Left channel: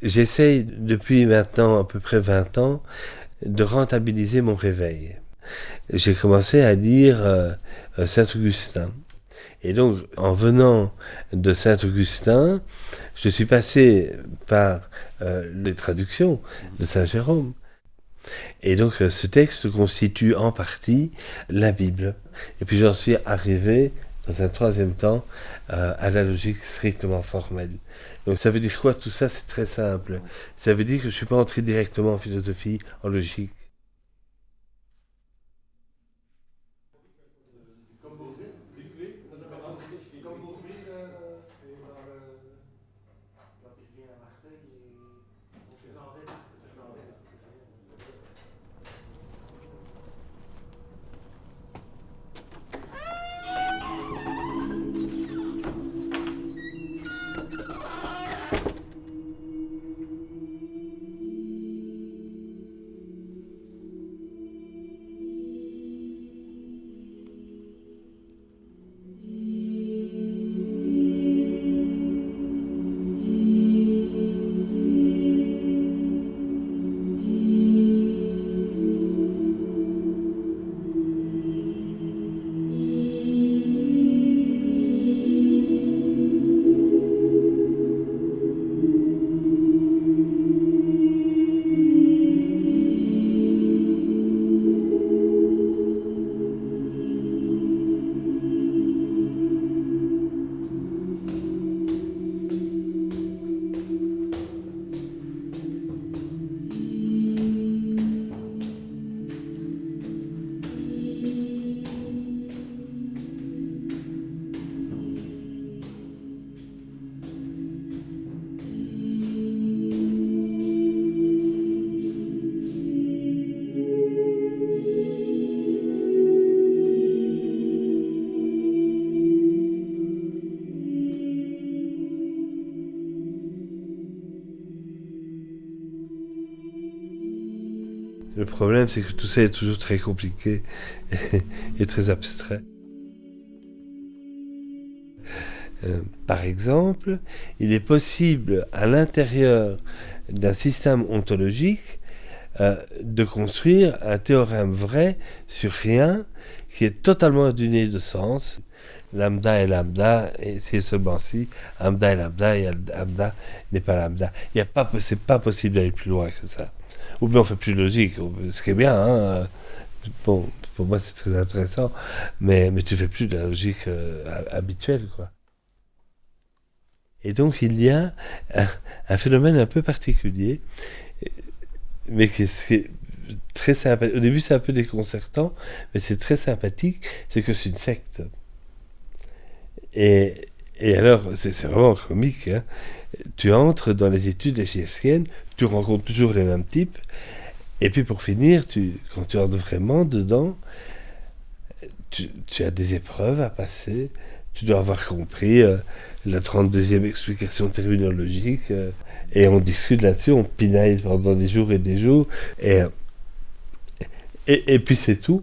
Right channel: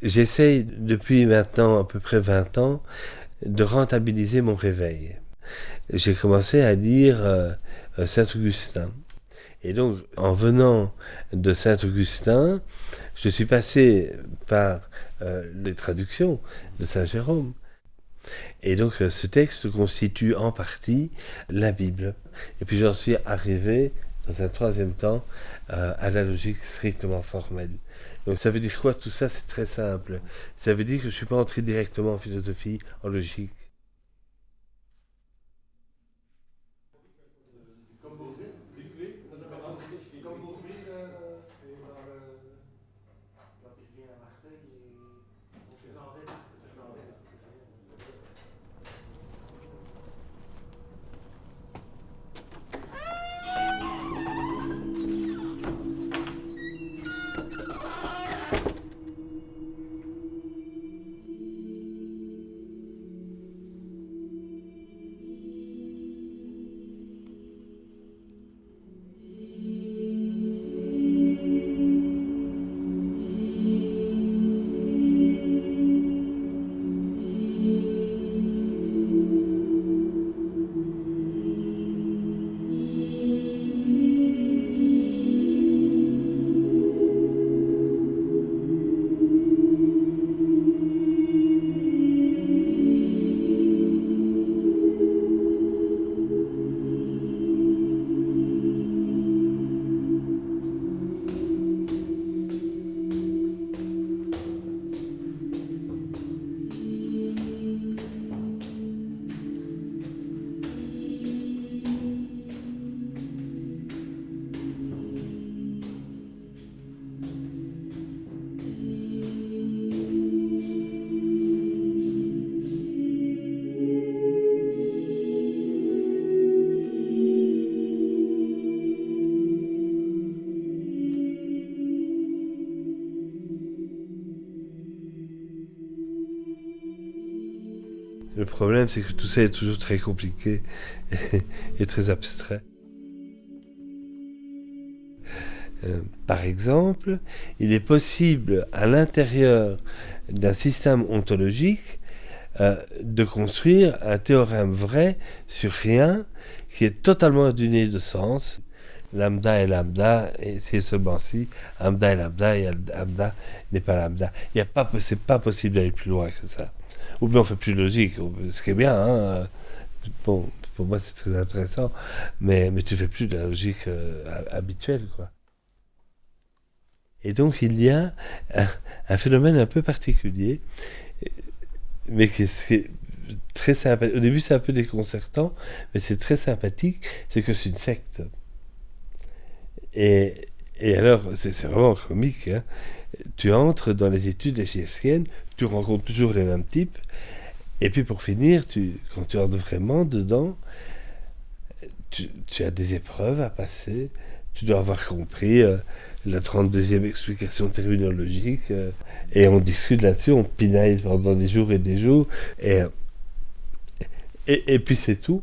J'essaye depuis maintenant à peu près 20 ans de rentabiliser mon réveil. J'ai commencé à lire Saint-Augustin. Et donc, en venant de Saint-Augustin, je suis passé par les traductions de Saint-Jérôme. Et donc, ce texte constitue en partie la Bible. Et puis, j'en suis arrivé, dans un troisième temps, à la logique strictement formelle. Donc, ça veut dire quoi tout ça? C'est très simple. Ça veut dire que je ne suis pas entré directement en philosophie, en logique. Le problème, c'est que tout ça est toujours très compliqué et très abstrait. Par exemple, il est possible, à l'intérieur d'un système ontologique, de construire un théorème vrai sur rien qui est totalement dénué de sens. Lambda est lambda, et c'est seulement si lambda est lambda, et lambda n'est pas lambda. C'est pas possible d'aller plus loin que ça. Ou bien on fait plus logique, ce qui est bien, hein. Bon, pour moi c'est très intéressant, mais tu fais plus de la logique habituelle, quoi. Et donc il y a un phénomène un peu particulier, mais qui est très sympathique. Au début c'est un peu déconcertant, mais c'est très sympathique, c'est que c'est une secte. Et alors, c'est vraiment comique, hein. Tu entres dans les études égyptiennes, tu rencontres toujours les mêmes types, et puis pour finir, quand tu entres vraiment dedans, tu as des épreuves à passer, tu dois avoir compris la 32e explication terminologique, et on discute là-dessus, on pinaille pendant des jours et des jours, et puis c'est tout.